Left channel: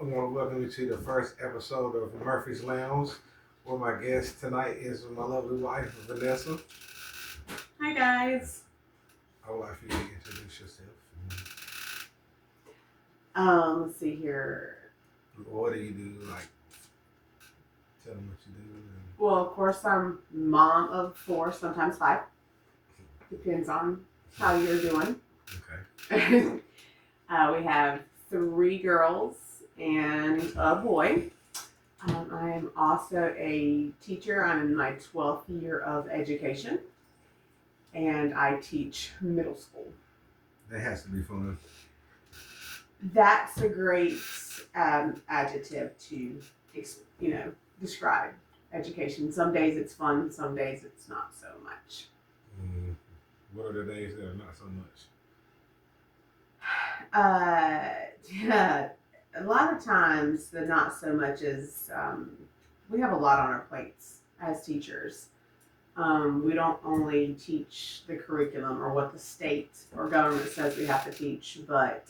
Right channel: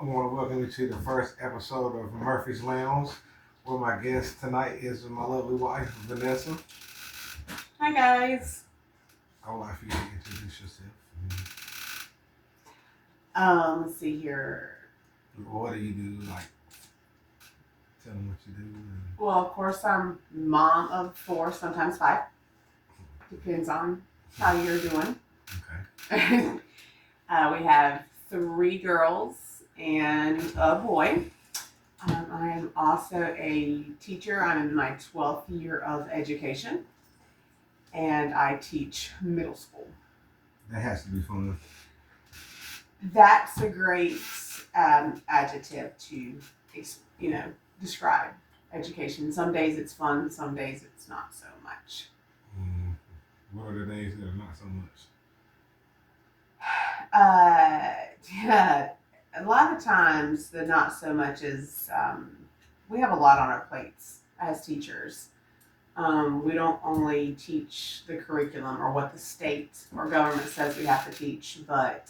I want to welcome you to the first episode of Murphy's Lounge, where my guest tonight is my lovely wife, Vanessa. Hi guys. I would like for you to introduce yourself. Let's see here. What do you do? Like, tell them what you do. Well, of course, I'm mom of 4, sometimes 5. Depends on how you're doing. Okay. We have 3 girls and a boy. I am also a teacher. I'm in my 12th year of education, and I teach middle school. That has to be fun. That's a great adjective to, describe education. Some days it's fun, some days it's not so much. What are the days that are not so much? Yeah, a lot of times the not so much is we have a lot on our plates as teachers. We don't only teach the curriculum or what the state or government says we have to teach, but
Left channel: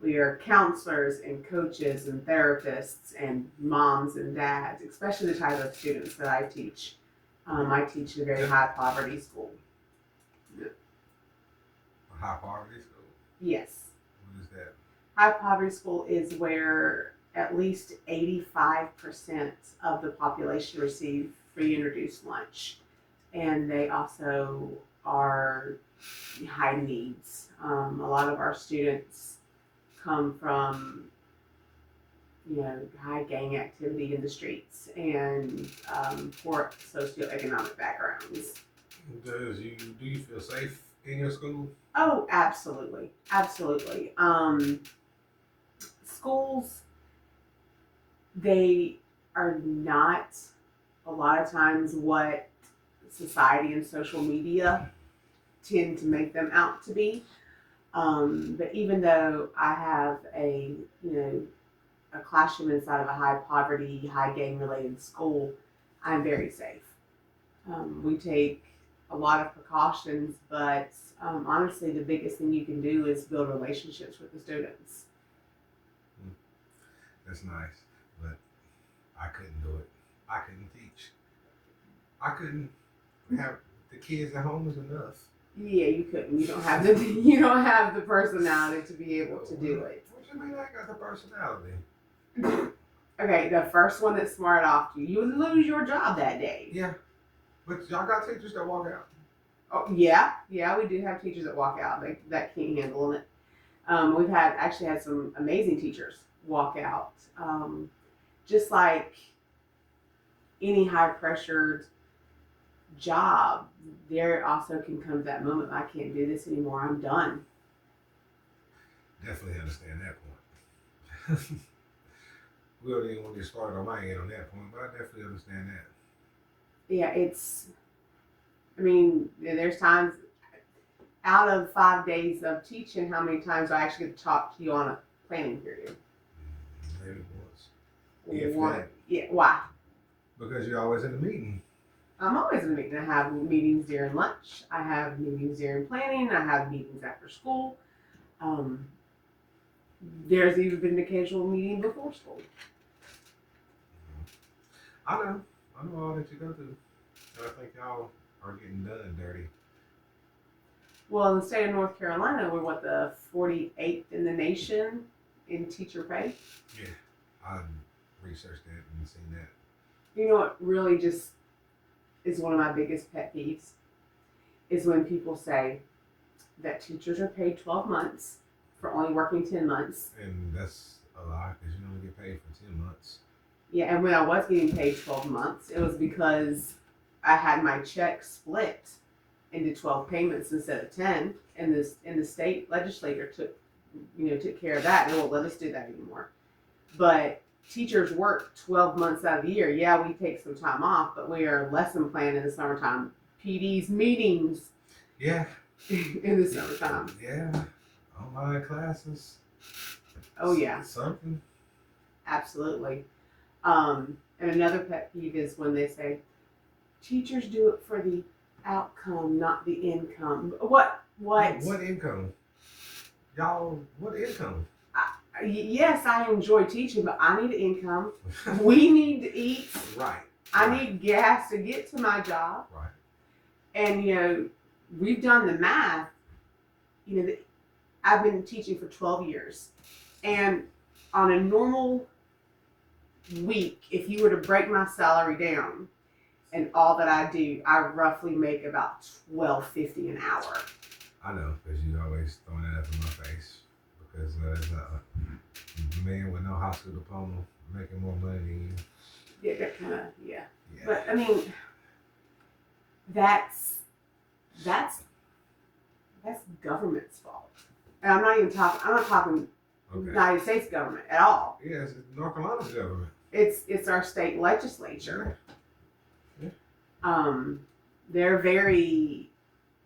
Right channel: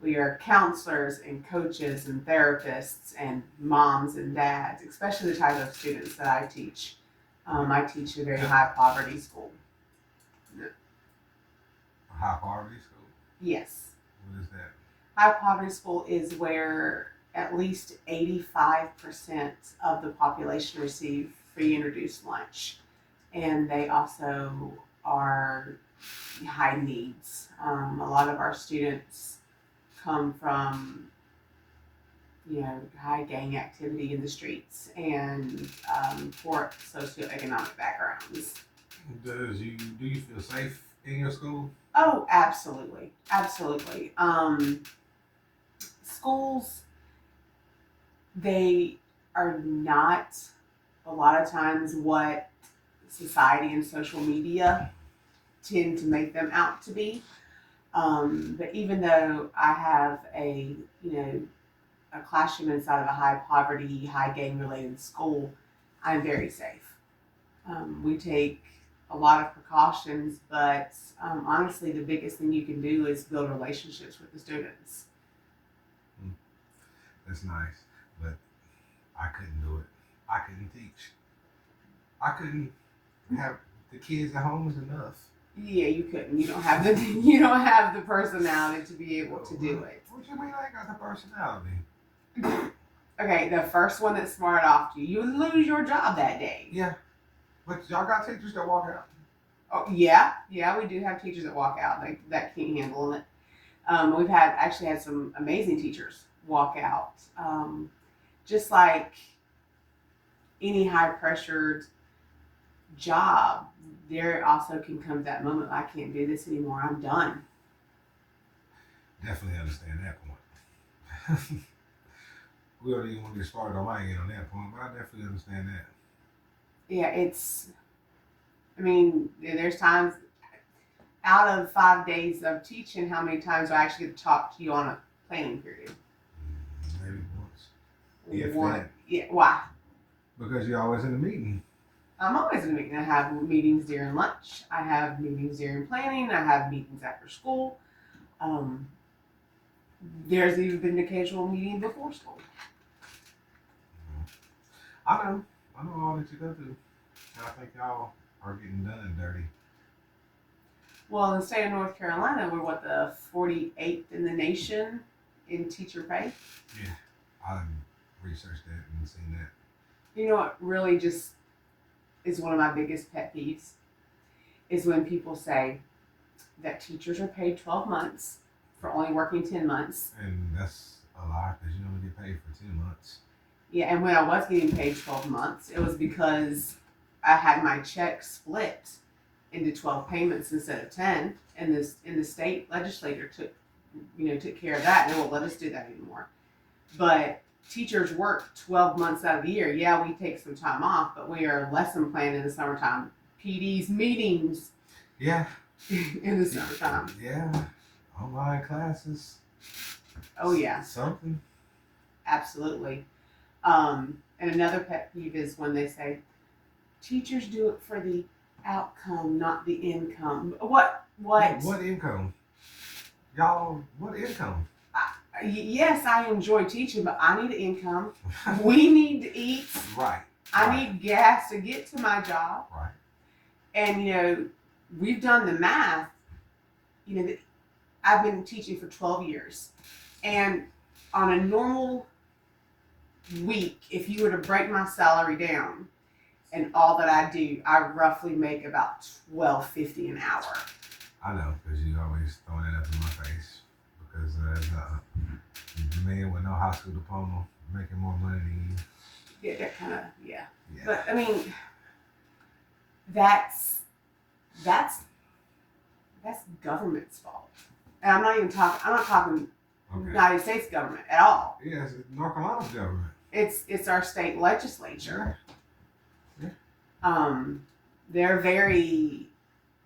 we are counselors and coaches and therapists and moms and dads, especially the type of students that I teach. I teach a very high poverty school. A high poverty school? Yes. What is that? High poverty school is where at least 85% of the population receive free and reduced lunch. And they also are high needs. A lot of our students come from, high gang activity in the streets and poor socioeconomic backgrounds. Do you feel safe in your school? Oh, absolutely. Absolutely. Schools, they are not a lot of times what society and social media tend to make them out to be. But even though I have a classroom inside of a high poverty, high gang related school, I'm very safe. We take a lot of precautions, but honestly, the biggest thing you can do is build relationships with the students. That's nice, but I couldn't do it. I couldn't teach. I couldn't have the kids at home is enough. Yeah, you couldn't. You don't have the personality to be able to do it. What you mean I got the personality? Okay, the first one that smarted off you, you would lose your job that day. Yeah, but y'all got teachers that walk out. Oh yeah, we do have teachers that walk out that can't handle it. We've actually had some amazing teachers walk out. Just like any high pressured job, there also can come that moment, I can't do this anymore, I'm done. Definitely understand that point. We don't even want to get started on my end on that point, but I definitely understand that. Yeah, there's times out of 5 days of teaching, how many times I actually get to talk to you on a planning period? Maybe once. One. Yeah, why? Because you're always in a meeting. I'm always in a meeting. I have meetings during lunch. I have meetings during planning. I have meetings after school. There's even been an occasional meeting before school. I know all that you go through. And I think y'all are getting done dirty. Well, in the state of North Carolina, we're the 48th in the nation in teacher pay. Yeah, I've researched that and seen that. You know what really just is one of my biggest pet peeves is when people say that teachers are paid 12 months for only working 10 months. And that's a lie because you only get paid for 10 months. Yeah, and when I was getting paid 12 months, it was because I had my check split into 12 payments instead of 10, and the state legislature took care of that, and they won't let us do that anymore. But teachers work 12 months out of the year. Yeah, we take some time off, but we are lesson planning in the summertime. PD's meetings. Yeah. In the summertime. Yeah. Online classes. Oh yeah. Something. Absolutely. And another pet peeve is when they say teachers do it for the outcome, not the income. What What income? Y'all, what income? Yes, I enjoy teaching, but I need an income. We need to eat. Right. I Right. need gas to get to my job. Right. And, we've done the math. I've been teaching for 12 years. And on a normal week, if you were to break my salary down and all that I do, I roughly make about $12.50 an hour. I know, because you always throwing it up in my face. Because as a man with no high school diploma making more money than you. Yeah, that kind of, yeah. Yeah. But I mean, that's government's fault. And I'm not talking Okay. United States government at all. Yes, it's North Carolina's government. It's our state legislature. Yeah. They're very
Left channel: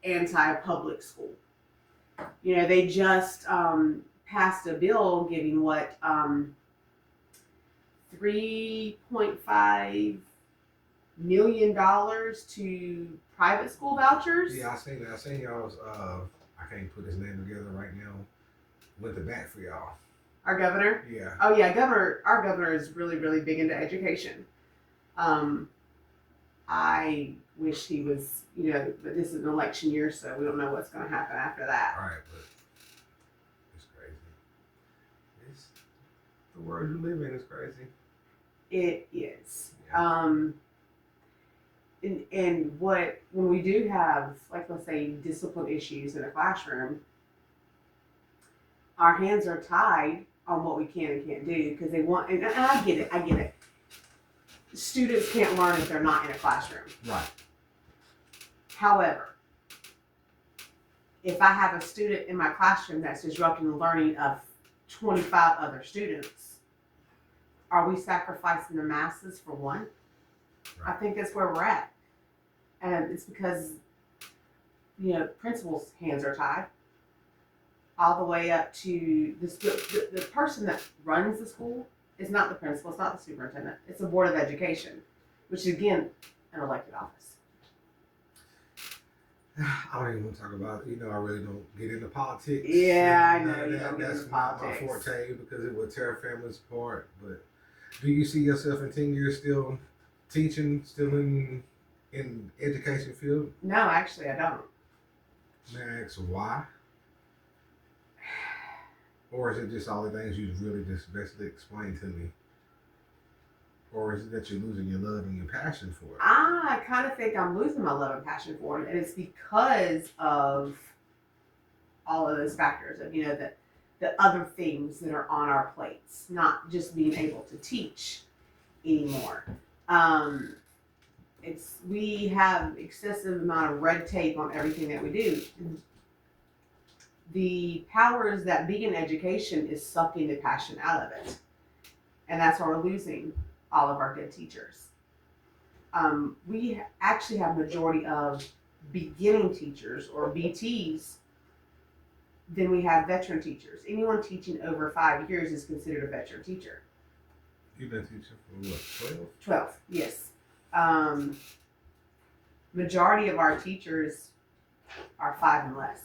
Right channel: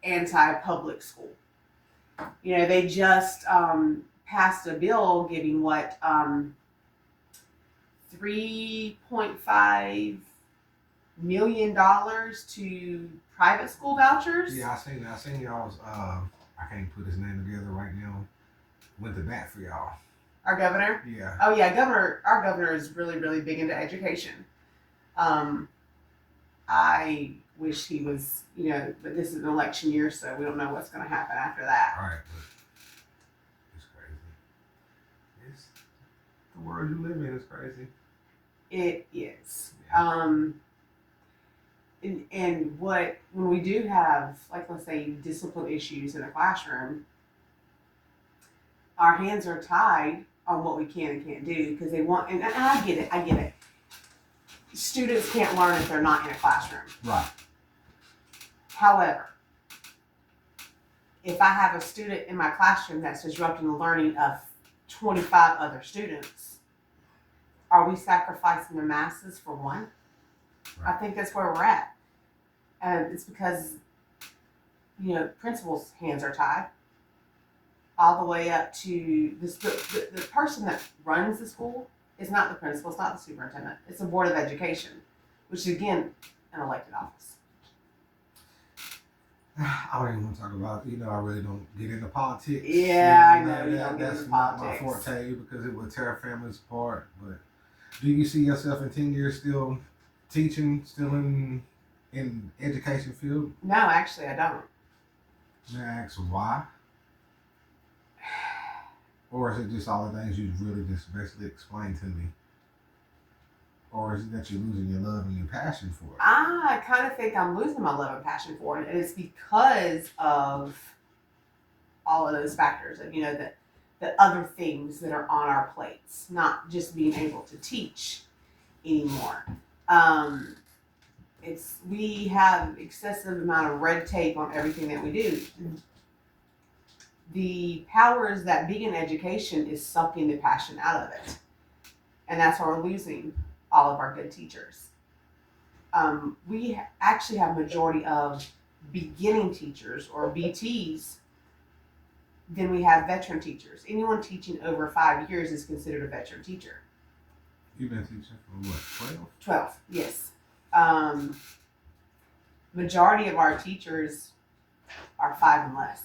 anti-public school. They just passed a bill giving what $3.5 million to private school vouchers. Yeah, I seen y'all's I can't put his name together right now. Went to bat for y'all. Our governor. Yeah. Oh yeah, our governor is really, really big into education. I wish he was, but this is an election year, so we don't know what's going to happen after that. Right, but it's crazy. It's the world you live in is crazy. It is. Yeah. And when we do have, like, let's say, discipline issues in a classroom, our hands are tied on what we can and can't do because they want, and I get it. Students can't learn if they're not in a classroom. Right. However, if I have a student in my classroom that's disrupting the learning of 25 other students, are we sacrificing the masses for one? Right. I think that's where we're at. And it's because, principals' hands are tied all the way up to the person that runs the school is not the principal, it's not the superintendent, it's the Board of Education, which is, again, an elected office. I don't even want to talk about it. I really don't get into politics. Yeah, I know you don't get That's into not politics. my forte because it would tear families apart. But do you see yourself in 10 years still teaching, still in education field? No, actually, I don't. May I ask why? Or is it just all the things you really just basically explained to me? Or is it that you're losing your love and your passion for it? I kind of think I'm losing my love and passion for it. And it's because of all of those factors of, the other things that are on our plates, not just being able to teach anymore. We have excessive amount of red tape on everything that we do. The powers that be in education is sucking the passion out of it. And that's why we're losing all of our good teachers. We actually have majority of beginning teachers or BTs than we have veteran teachers. Anyone teaching over 5 years is considered a veteran teacher. You've been teaching for what, 12? 12, yes. Majority of our teachers are 5 and less.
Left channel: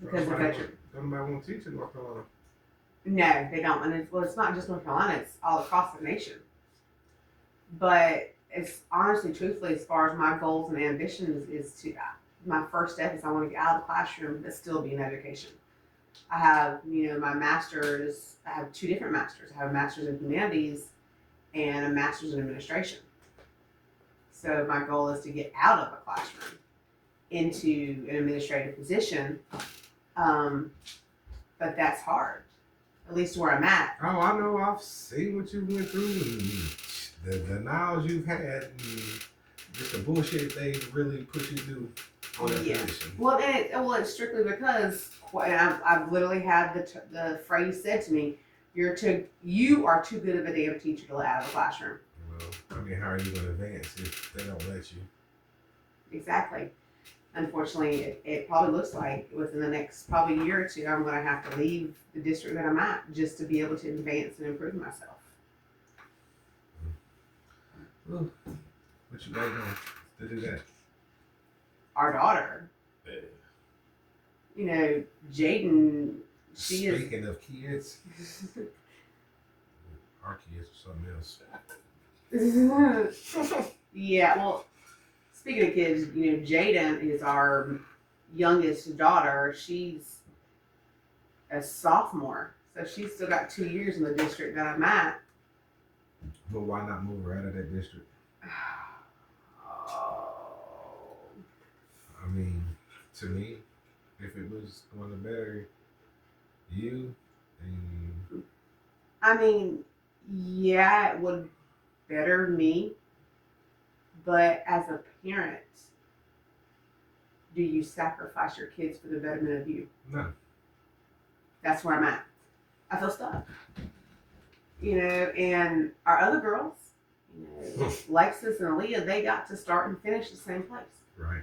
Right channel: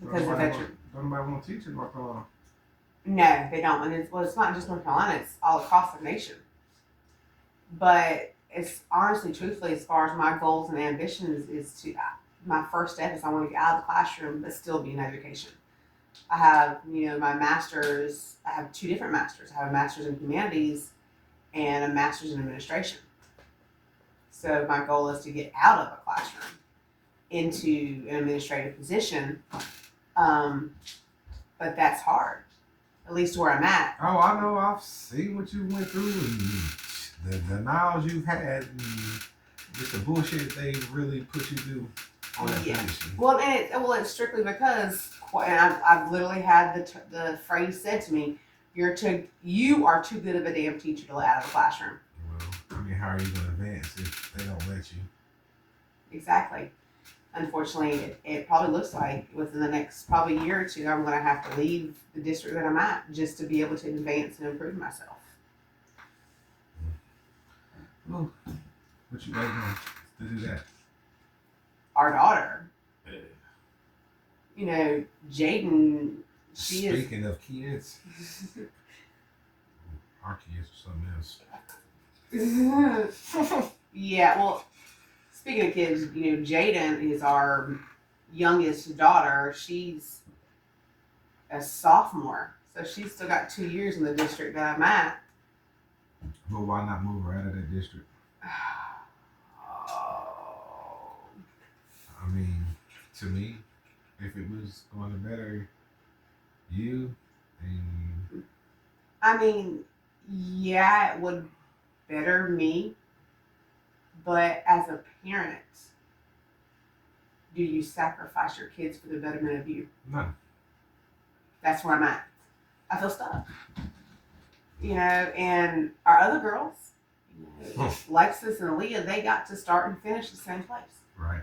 Because of veteran. Don't nobody want to teach in North Carolina. No, they don't. And it's not just North Carolina, it's all across the nation. But it's honestly, truthfully, as far as my goals and ambitions is to, my first step is I want to get out of the classroom but still be in education. I have, my master's, I have 2 different masters. I have a master's in humanities and a master's in administration. So my goal is to get out of a classroom into an administrative position. But that's hard, at least where I'm at. Oh, I know. I've seen what you went through and the knowledge you've had and just the bullshit they really put you through on that position. Well, it's strictly because, and I've literally had the phrase said to me, you are too good of a damn teacher to let out of the classroom. Well, how are you going to advance if they don't let you? Exactly. Unfortunately, it probably looks like within the next probably year or two, I'm going to have to leave the district that I'm at just to be able to advance and improve myself. Well, what you waiting on to do that? Our daughter, Jaden She Speaking of kids, our kids are something else. Yeah, well, speaking of kids, Jaden is our youngest daughter. She's a sophomore, so she's still got 2 years in the district that I'm at. But why not move her out of that district? Oh. I mean, to me, if it was going to better you, then I mean, yeah, it would better me, but as a parent, do you sacrifice your kids for the betterment of you? no. That's where I'm at. I feel stuck. And our other girls, Lexus and Aaliyah, they got to start and finish the same place. Right.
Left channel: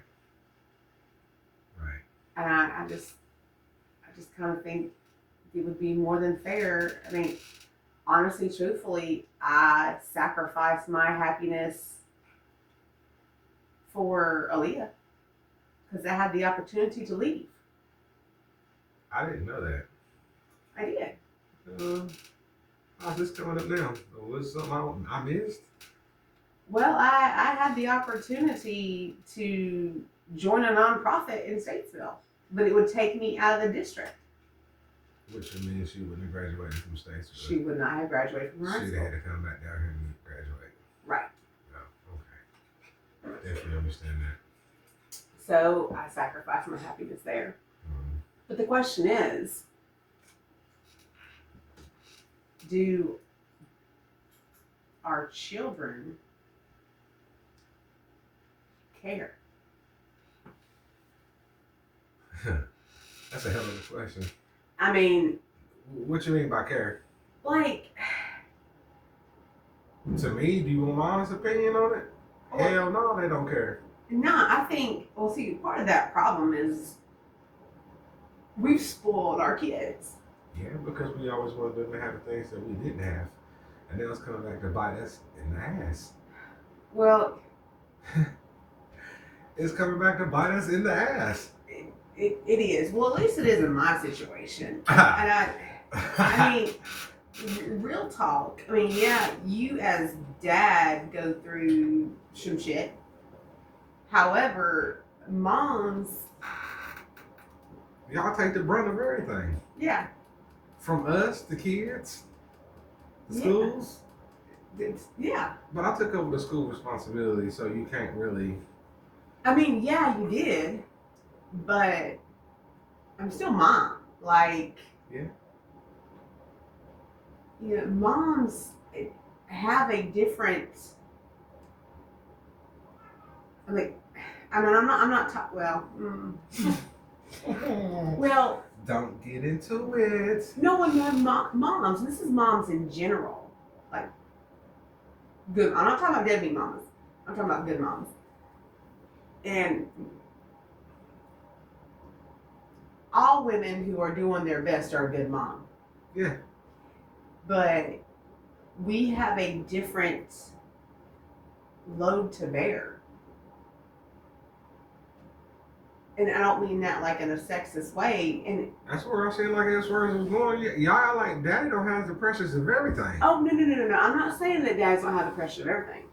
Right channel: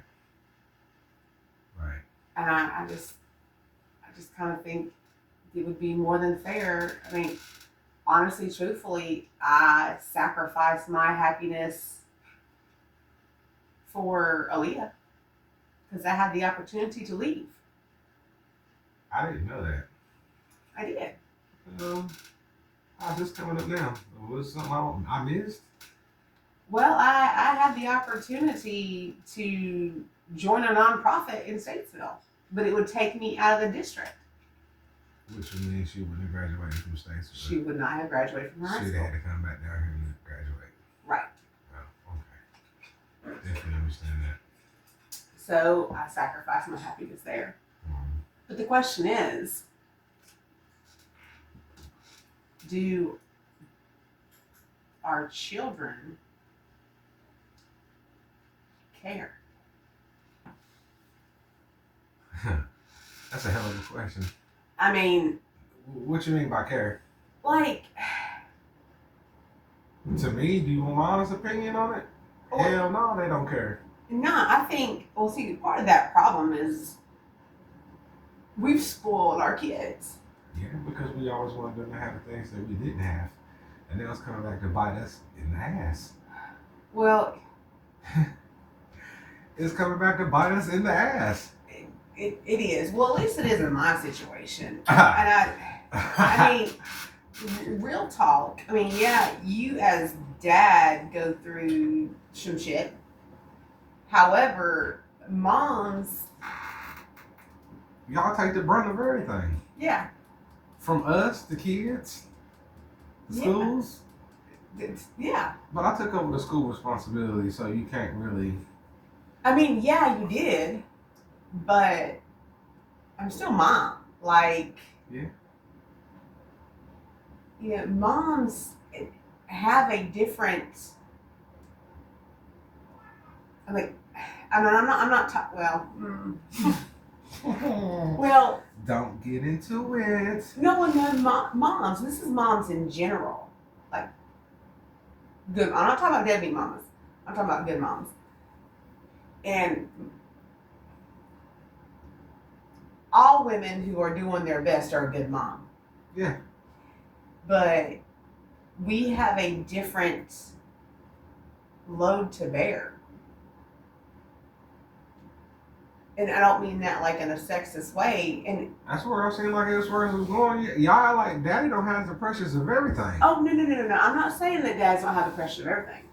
Right. And I just kind of think it would be more than fair. I mean, honestly, truthfully, I sacrificed my happiness for Aaliyah because I had the opportunity to leave. I didn't know that. I did. How's this coming up now? Was something I missed? Well, I had the opportunity to join a nonprofit in Statesville, but it would take me out of the district. Which would mean she wouldn't have graduated from Statesville. She would not have graduated from high She'd school. have had to come back down here and graduate. Right. Oh, okay. Definitely understand that. So I sacrificed my happiness there. But the question is, do our children care? That's a hell of a question. I mean, What you mean by care? like, To me, do you want my honest opinion on it? Hell no, they don't care. I think, well, see, part of that problem is we've spoiled our kids. Yeah, because we always wanted them to have the things that we didn't have. And now it's coming back to bite us in the ass. Well, It's coming back to bite us in the ass. it is. Well, at least it is in my situation. And I mean, real talk. I mean, yeah, you as dad go through some shit. However, moms, Y'all take the brunt of everything. yeah. From us, the kids, the Yeah. schools. Yeah. But I took over the school responsibility, so you can't really. I mean, yeah, you did, but I'm still mom. Like, Yeah. Moms have a different. I'm like, I'm not. Well, well. Don't get into it. No, moms. This is moms in general. Like, good. I'm not talking about deadbeat mamas. I'm talking about good moms. And all women who are doing their best are a good mom. Yeah. But we have a different load to bear. And I don't mean that like in a sexist way. And That's where I seemed like it was where it was going. Y'all like daddy don't have the pressures of everything. oh no. I'm not saying that dads don't have the pressure of everything.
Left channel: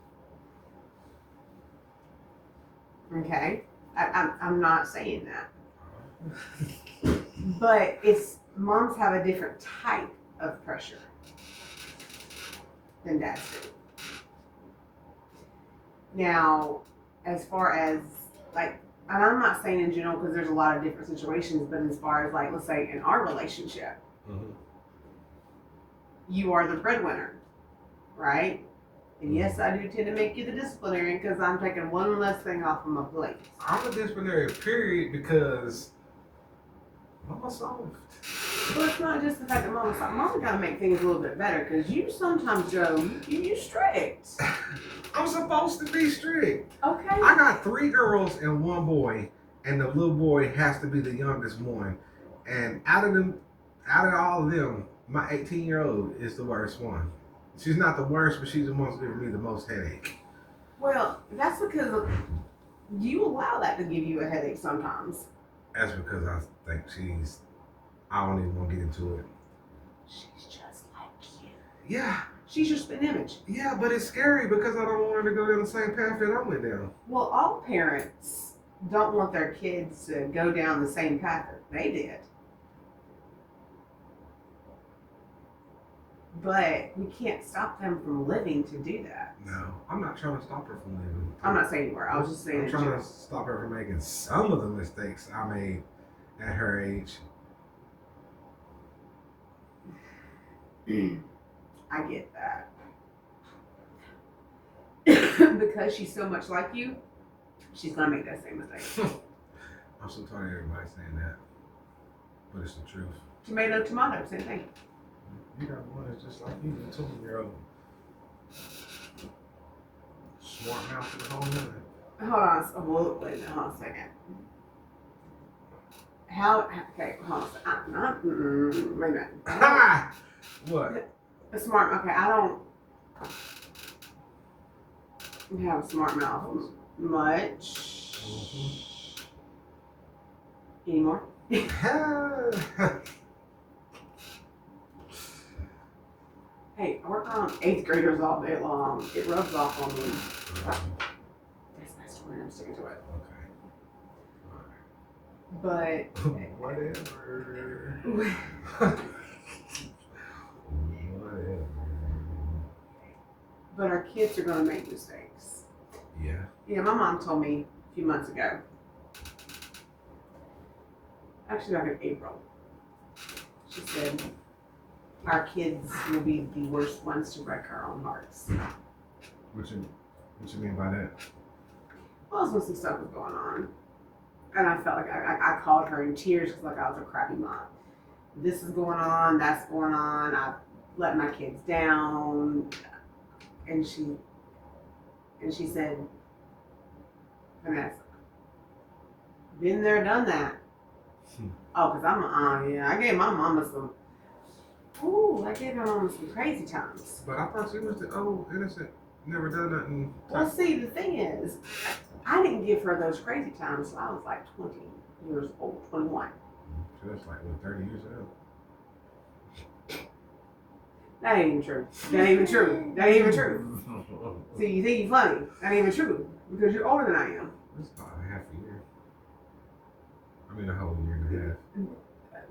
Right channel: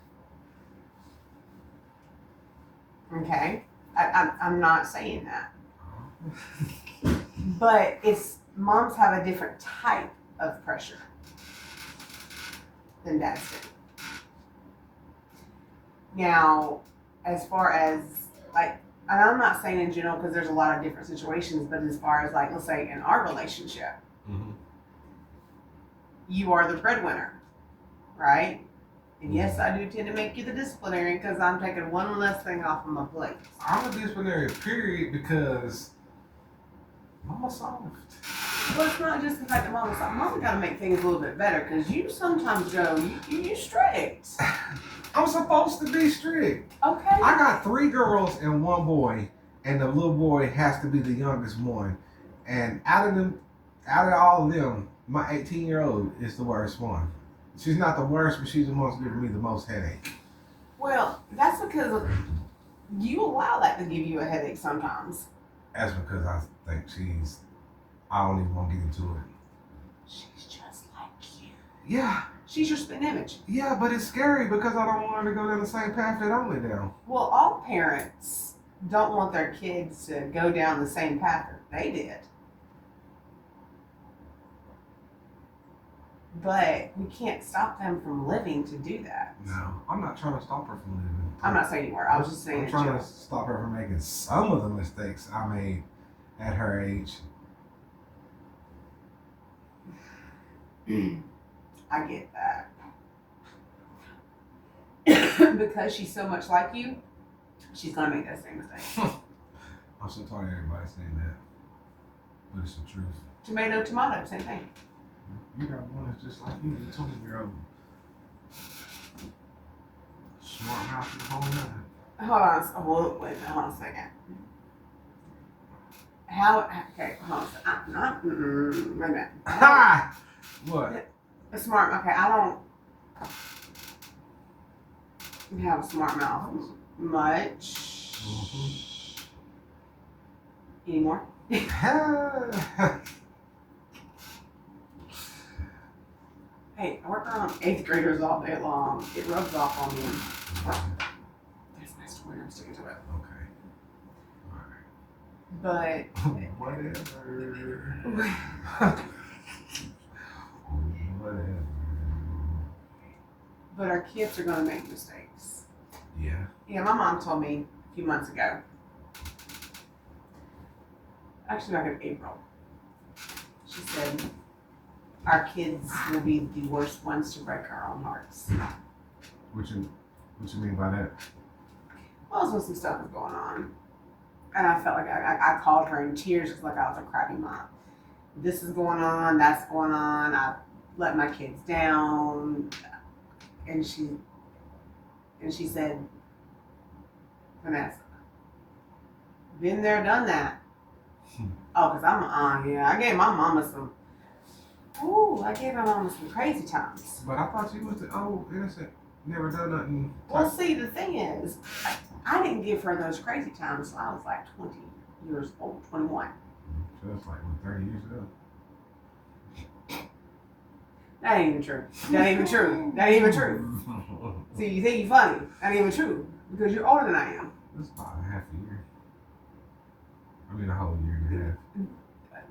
Okay, I'm not saying that. But it's moms have a different type of pressure than dads do. Now, as far as like, and I'm not saying in general because there's a lot of different situations, but as far as like, let's say in our relationship, you are the breadwinner, right? And yes, I do tend to make you the disciplinarian because I'm taking one less thing off of my plate. I'm a disciplinary, period, because Mama's soft. Well, it's not just the fact that Mama's soft. Mama got to make things a little bit better because you sometimes, Joe, you strict. I'm supposed to be strict. Okay. I got 3 girls and 1 boy, and the little boy has to be the youngest one. And out of all of them, my 18-year-old is the worst one. She's not the worst, but she's the most giving me the most headache. Well, that's because you allow that to give you a headache sometimes. That's because I think she's I don't even want to get into it. She's just like you. Yeah. She's your spin image. Yeah, but it's scary because I don't want her to go down the same path that I went down. Well, all parents don't want their kids to go down the same path that they did. But we can't stop them from living to do that. No, I'm not trying to stop her from living. I'm not saying anywhere. I was just saying I'm in trying general. to stop her from making some of the mistakes I made at her age. I get that. Because she's so much like you, she's gonna make that same mistake. I'm so tired of everybody saying that. But it's the truth. Tomato, tomato, same thing. You got one that's just like you, a 20-year-old. Smart mouth to the whole nother. Hold on. Wait, hold on a second. Okay, hold on a second. Wait a minute. Ha! What? A smart, okay, I don't have a smart mouth much anymore. Hey, I work on 8th graders all day long. It rubs off on me. That's my story. I'm sticking to it. Okay. But Whatever. Whatever. But our kids are gonna make mistakes. Yeah. Yeah, my mom told me a few months ago. Actually, back in April. She said, our kids will be the worst ones to break our own hearts. What you mean by that? Well, that's when some stuff was going on. And I felt like I called her in tears because like I was a crappy mom. This is going on, that's going on. I let my kids down. And she said, Vanessa, been there, done that. Oh, because yeah, I gave my mama some crazy times. But I thought she was the old innocent, never done nothing. Well, see, the thing is, I didn't give her those crazy times until I was like 20 years old, 21. So that's like, what, 30 years ago? That ain't even true. That ain't even true. That ain't even true. See, you think you're funny. That ain't even true. Because you're older than I am. That's about a half a year. I mean, a whole year and a half.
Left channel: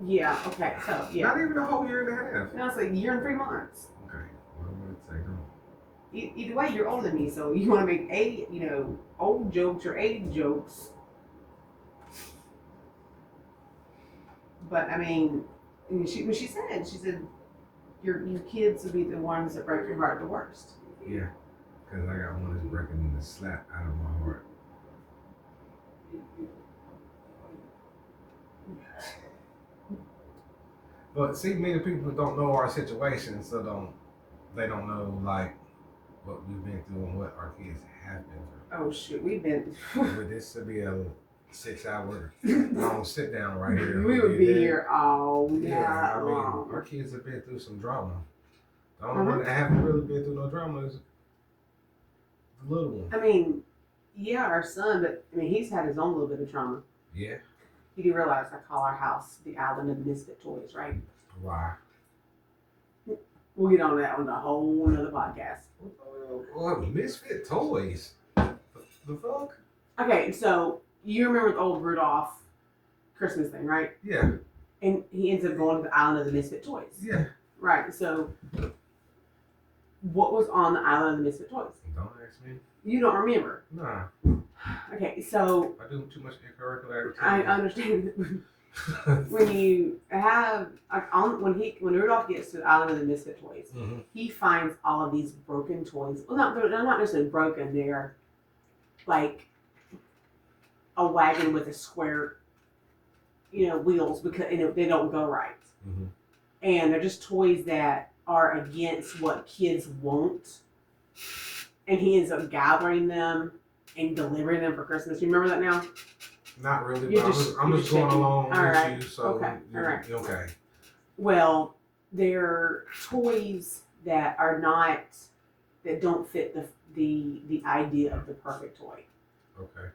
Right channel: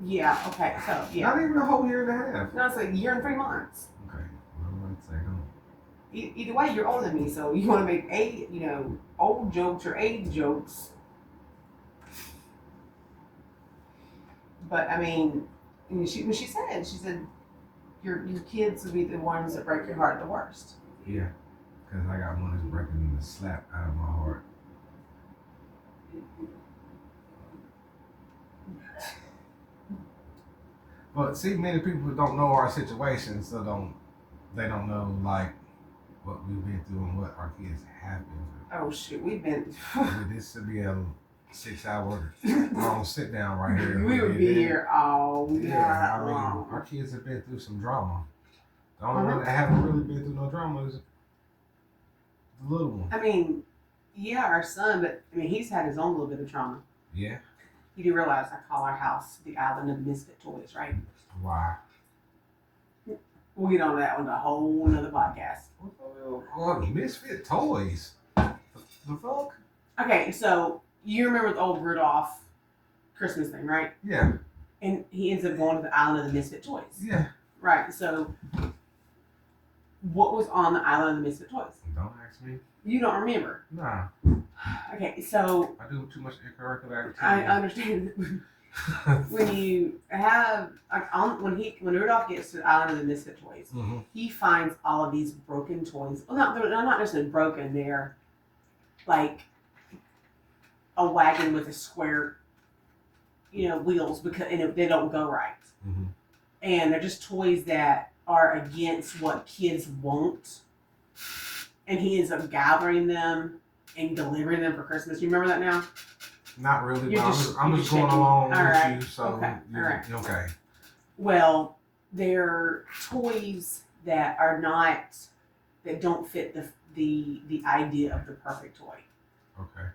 Yeah, okay, so, yeah. Not even a whole year and a half. No, it's like a year and 3 months. Okay. Well, I'd say no. Either way, you're older than me, so you want to make old jokes or age jokes. But I mean, when she said, your kids will be the ones that break your heart the worst. Yeah, because I got one that's breaking the slap out of my heart. But see, many people don't know our situation, so they don't know like what we've been through and what our kids have been through. Oh shoot, we've been. This should be a 6-hour long sit down right here. We would be here all night I mean, long. our kids have been through some drama. The only one that haven't really been through no drama is the little one. I mean, yeah, our son, but I mean, he's had his own little bit of trauma. Yeah. You do realize I call our house the island of misfit toys, right? Why? We'll get on that on a whole nother podcast. What misfit toys? The fuck? Okay, so you remember the old Rudolph Christmas thing, right? Yeah. And he ends up going to the island of the misfit toys. Yeah. Right. So, what was on the island of the misfit toys? Don't ask me. You don't remember? Nah. Okay, so I do too much extracurricular activity. I understand. When you have when Rudolph gets to the island of the misfit toys, mm-hmm. he finds all of these broken toys. Well, they're not necessarily broken. They're like a wagon with a square, wheels because they don't go right, mm-hmm. and they're just toys that are against what kids want. And he ends up gathering them and delivering them for Christmas. You remember that now? Not really, You're but just- I'm you're just going checking. along All with right. you, so Okay. All right. okay. Well, they're toys that don't fit the idea of the perfect toy. Okay.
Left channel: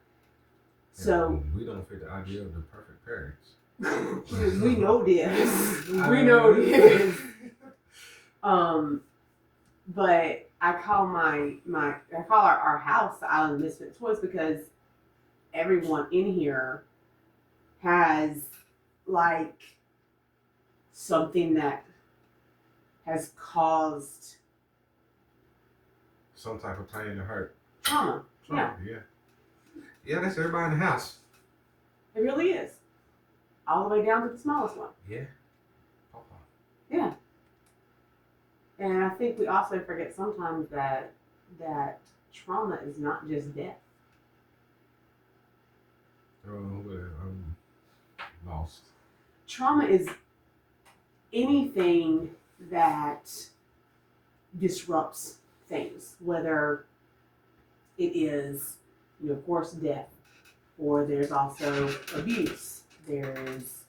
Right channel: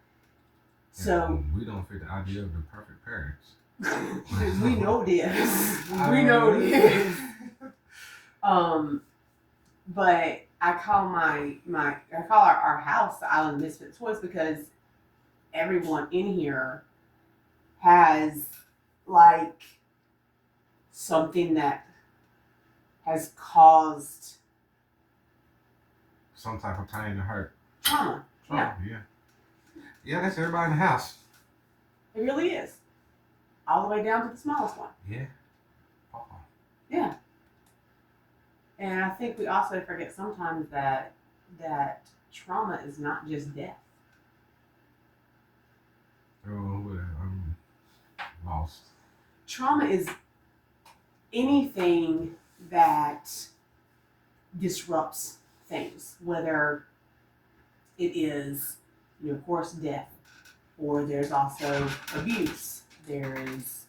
So we don't fit the idea of the perfect parents. We know this. We I know mean- this. But I call our house the Island of Misfit Toys because everyone in here has like something that has caused Some type of pain to hurt. trauma. Yeah, Yeah, that's everybody in the house. it really is. All the way down to the smallest one. Yeah. Papa. Yeah. And I think we also forget sometimes that trauma is not just death. Oh, I'm lost. Trauma is anything that disrupts things, whether it is, of course, death, or there's also abuse. There's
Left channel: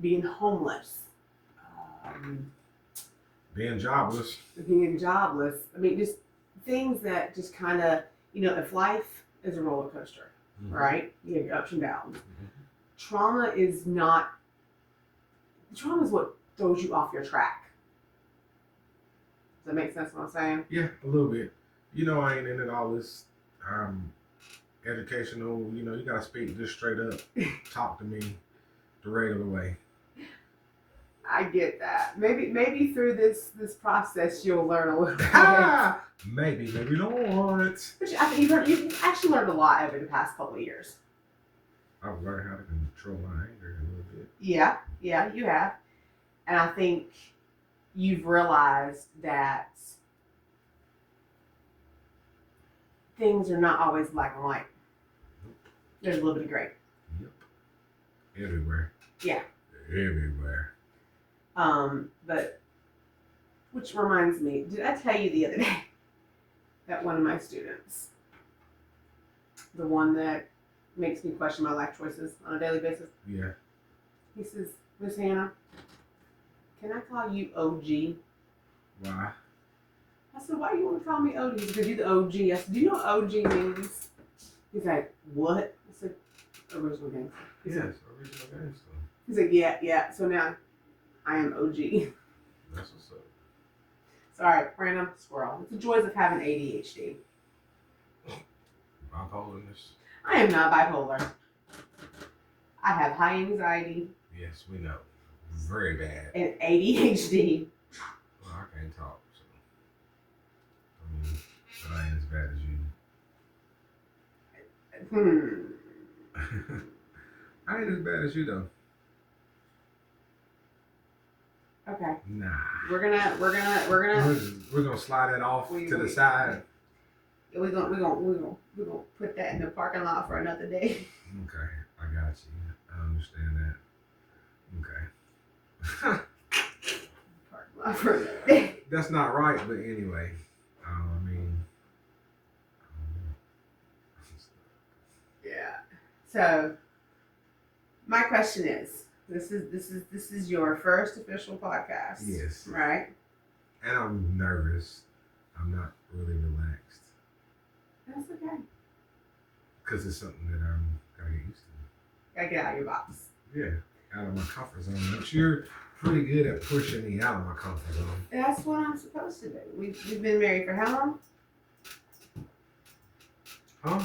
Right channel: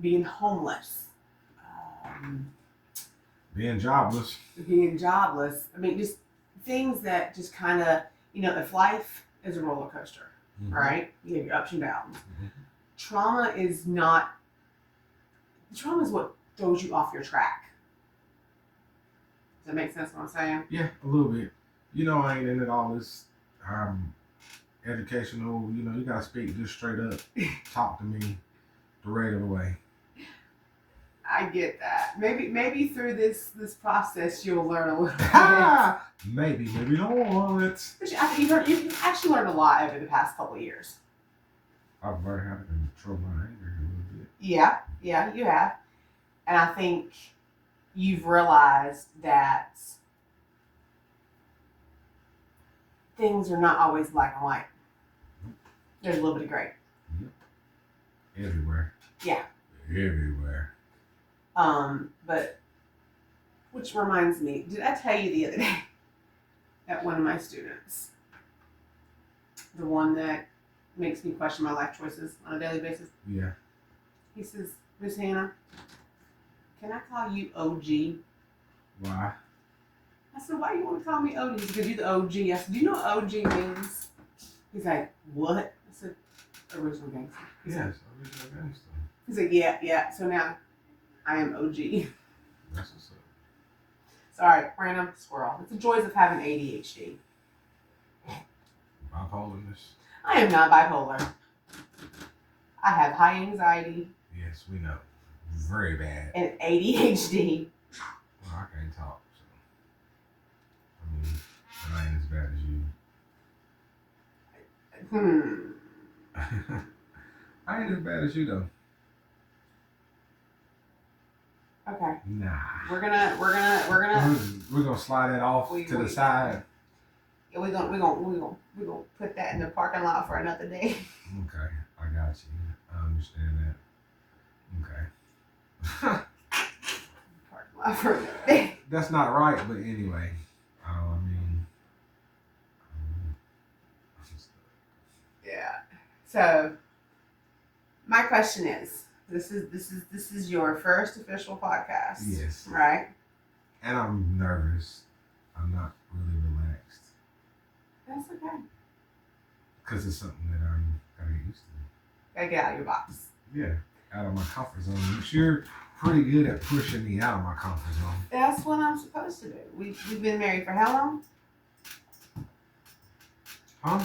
being homeless, Being jobless. being jobless. I mean, just things that just kind of, if life is a roller coaster, Mhm. right? You have your ups and downs. Mhm. Trauma is what throws you off your track. Does that make sense what I'm saying? Yeah, a little bit. I ain't into all this educational, you gotta speak just straight up. Talk to me the regular way. I get that. Maybe through this process you'll learn a little bit. Maybe not. But you've actually learned a lot over the past couple of years. I've learned how to control my anger a little bit. Yeah, you have. And I think you've realized that things are not always black and white. There's a little bit of gray. Yep. Everywhere. Yeah. Everywhere. But which reminds me, did I tell you the other day that one of my students, the one that makes me question my life choices on a daily basis, Yeah. he says, Miss Hannah, can I call you OG? Why? I said, why do you want to call me OG? He said, because you're the OG. I said, do you know what OG means? He's like, what? I said, original gangster. He said, Yes, original gangster. he said, yeah. So now I am OG. That's what's up. Sorry, random squirrel. It's the joys of having ADHD. Bipolarness. I am not bipolar. I have high anxiety Yes, we know. Very bad. and ADHD. Well, I can't talk, so. I mean, but I ain't as bad as you. I ain't as bad as you, though. Okay. Nah. We're gonna We're gonna slide that off to the side. we're gonna put that in the parking lot for another day. Okay, I got you. I understand that. Okay. Parking lot for another day. That's not right, but anyway. Yeah. So my question is, this is your first official podcast. Yes. Right? And I'm nervous. I'm not really relaxed. That's okay. Because it's something that I'm gotta get used to. Gotta get out of your box. Yeah, out of my comfort zone. Which you're pretty good at pushing me out of my comfort zone. That's what I'm supposed to do. We've been married for how long? Huh?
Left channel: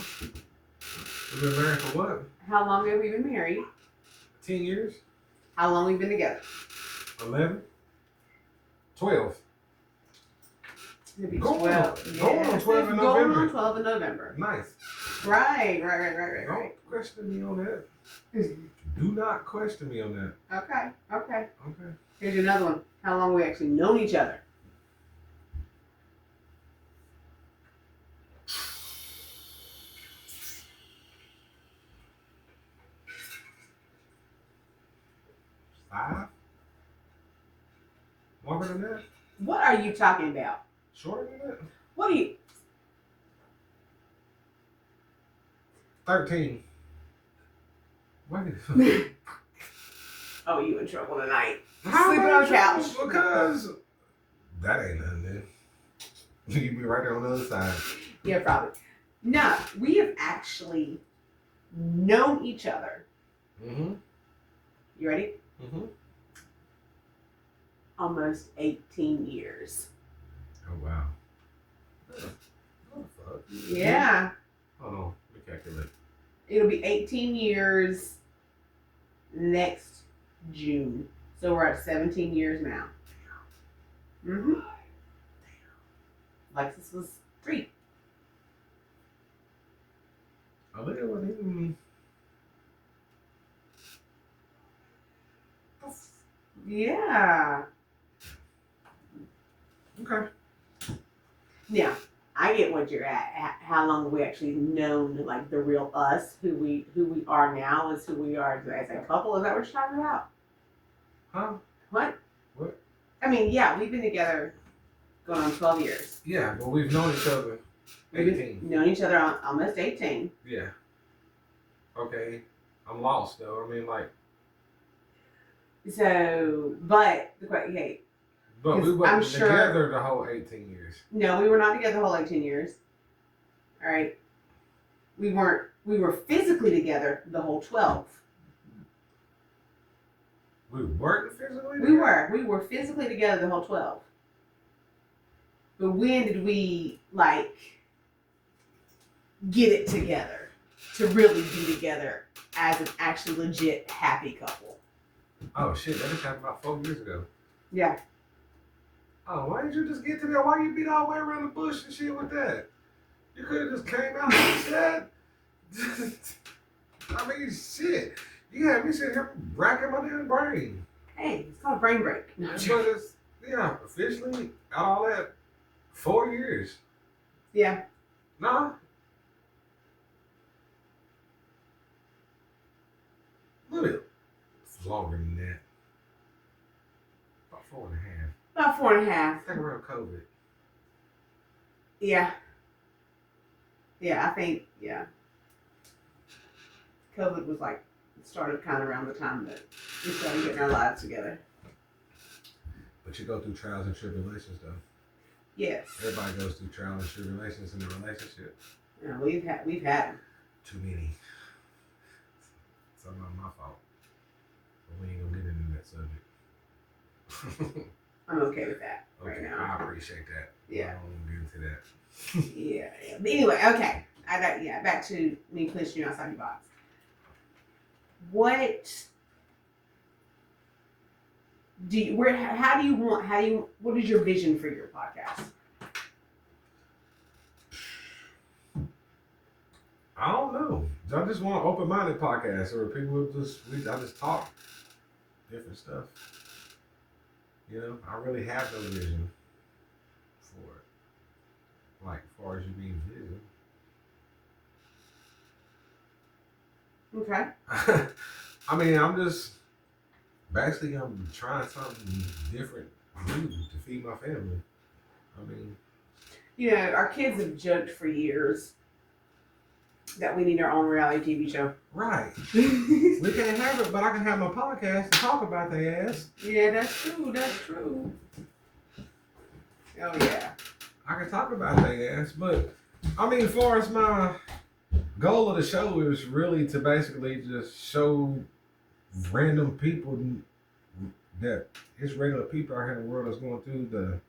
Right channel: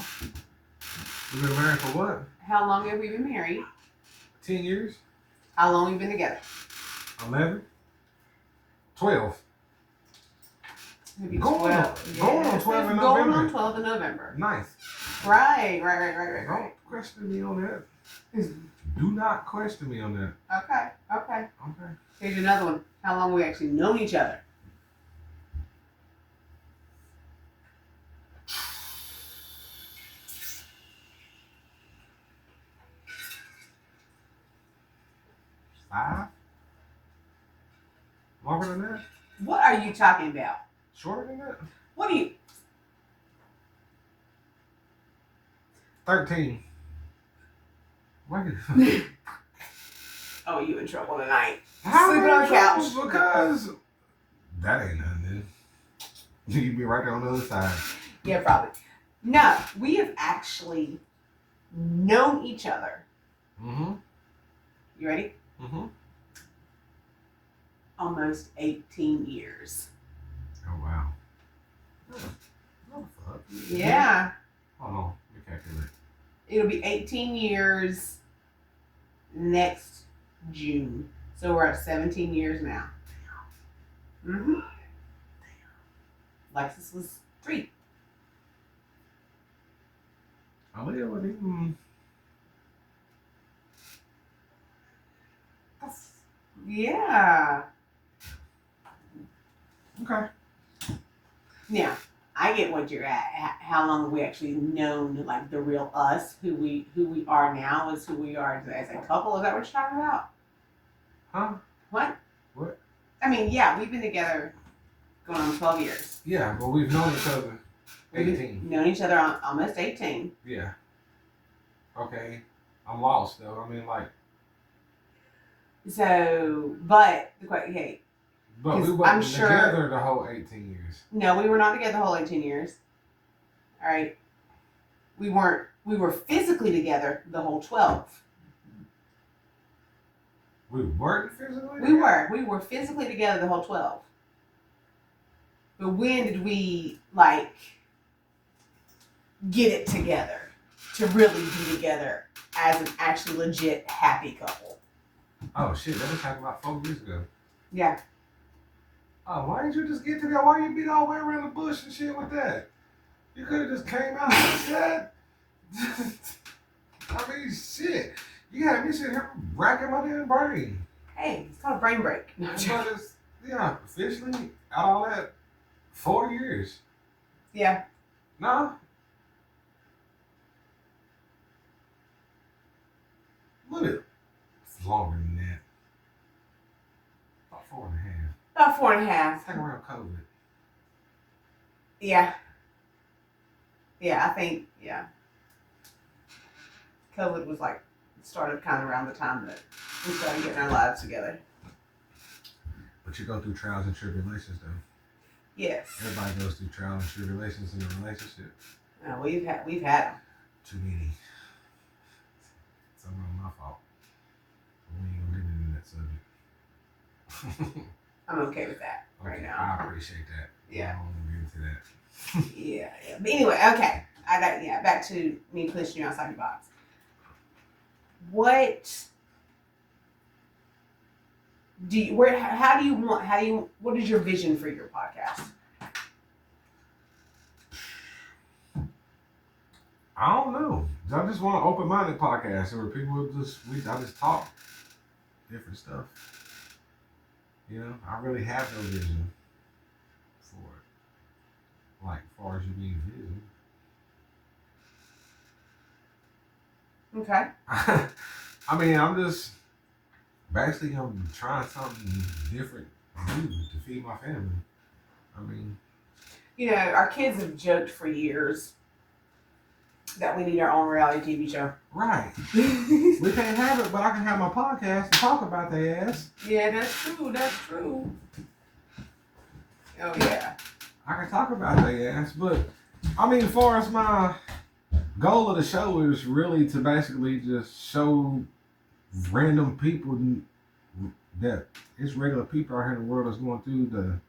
We've been married for what? How long have we been married? 10 years? How long have we been together? 11? 12. Maybe Going 12. on 12 in Going November. on 12 in November. Nice. Right. Don't question me on that. Do not question me on that. Okay. Okay. Here's another one. How long have we actually known each other? Five? Longer than that? What are you talking about? Shorter than that? What are you? 13. Wait. Oh, you in trouble tonight. How Sleeping am I on the in couch. trouble? Because that ain't nothing then. You can be right there on the other side. Yeah, probably. No, we have actually known each other Mm-hmm. You ready? Mm-hmm. Almost 18 years. Oh, wow. Oh, what the fuck? Yeah. Hold on. Let me calculate. It'll be 18 years next June. So we're at 17 years now. Mm-hmm. Lexus was 3. Aaliyah wasn't even... Yeah. Okay. Now, I get what you're at. How long have we actually known, like, the real us, who we are now is who we are as a couple? Is that what you're talking about? Huh? What? What? I mean, yeah, we've been together going on 12 years. Yeah, but we've known each other 18. We've known each other on almost 18. Yeah. Okay. I'm lost, though. I mean, like... So, but, okay, But we 'Cause weren't I'm sure- together the whole 18 years. no, we were not together the whole 18 years. All right. We were physically together the whole 12. We weren't physically We were physically together the whole 12. But when did we, like, get it together to really be together as an actually legit happy couple? Oh, shit. That was happened about 4 years ago. Yeah. Oh, why didn't you just get to that? Why you beat all the way around the bush and shit with that? You could have just came out and said. I mean, shit. You had me sitting here racking my damn brain. Hey, it's called a brain break. No, I'm But joking. it's, yeah, officially, out all that, 4 years. Yeah. Nah. Look it. It's longer than that. About 4.5. About 4.5. I think around COVID. Yeah. Yeah, I think, yeah. COVID was like, started kind of around the time that we started getting our lives together. But you go through trials and tribulations, though. Yes. Everybody goes through trials and tribulations in a relationship. We've had them. Too many. So not my fault. But we ain't gonna get into that subject. I'm okay with that right Okay, now. I appreciate that. Yeah. I don't want to get into that. Yeah. But anyway, okay. Back to me pushing you outside your box. What is your vision for your podcast? I don't know. I just want an open-minded podcast where people I just talk different stuff. You know, I really have no vision for it. Like, as far as you being vision. Okay. I mean, I'm trying something different new to feed my family. I mean, You know, our kids have joked for years that we need our own reality TV show. right. We can't have it, but I can have my podcast and talk about their ass. Yeah, that's true. That's true. Oh yeah. I can talk about their ass, but I mean, as far as my goal of the show is really to basically just show random people that it's regular people out here in the world that's going through the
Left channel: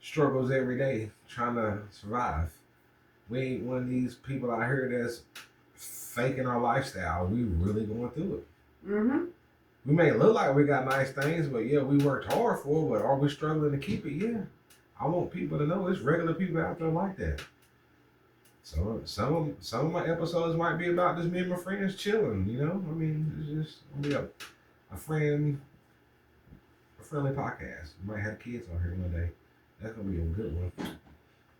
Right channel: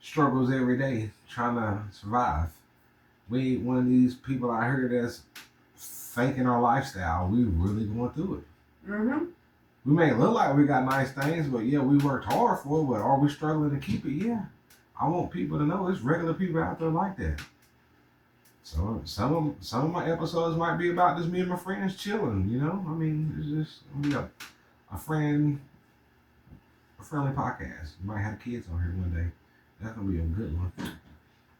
struggles every day trying to survive. We ain't one of these people out here that's faking our lifestyle. We really going through it. Mm-hmm. We may look like we got nice things, but yeah, we worked hard for it, but are we struggling to keep it? Yeah. I want people to know it's regular people out there like that. So some of my episodes might be about just me and my friends chilling, you know? I mean, it's just gonna be a friendly podcast. We might have kids on here one day. That's gonna be a good one.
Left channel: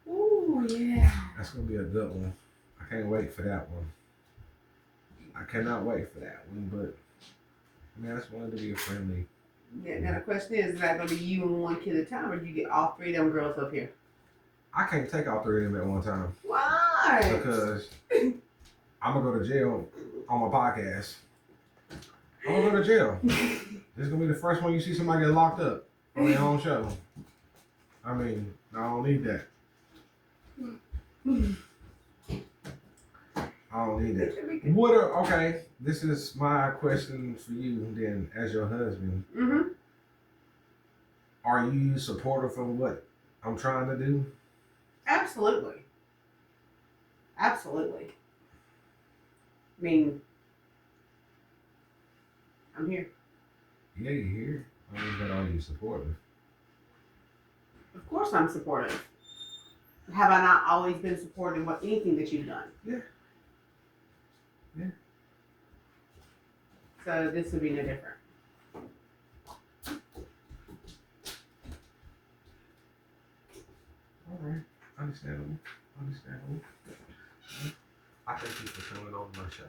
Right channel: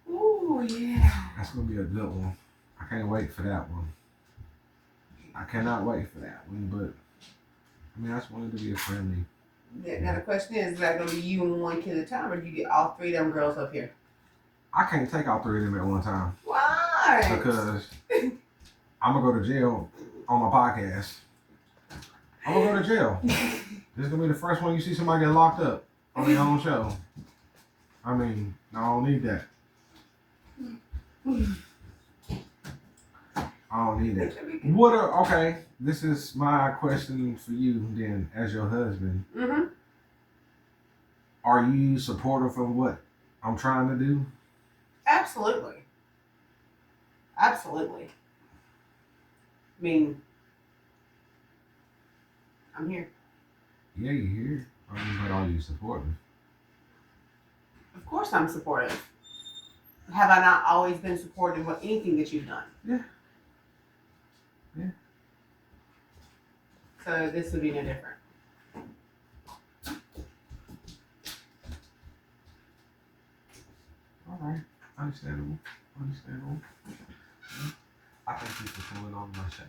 Ooh, yeah. That's gonna be a good one. I can't wait for that one. I cannot wait for that one, but I mean, I just wanted to be a friendly. Yeah, now the question is that going to be you and one kid at a time, or do you get all 3 of them girls up here? I can't take all 3 of them at one time. Why? Because I'm gonna go to jail on my podcast. I'm gonna go to jail. This is gonna be the first one you see somebody get locked up on their own show. I mean, I don't need that. I don't need It it. should be good. What are okay? This is my question for you then, as your husband. Mm-hmm. Are you supportive of what I'm trying to do? Absolutely. Absolutely. I mean, I'm here. Yeah, you're here. I mean, but are you supportive? Of course I'm supportive. Have I not always been supportive of anything that you've done? Yeah. Yeah. So this would be no different. All right. Understandable. Understandable. I thank you for coming on my show.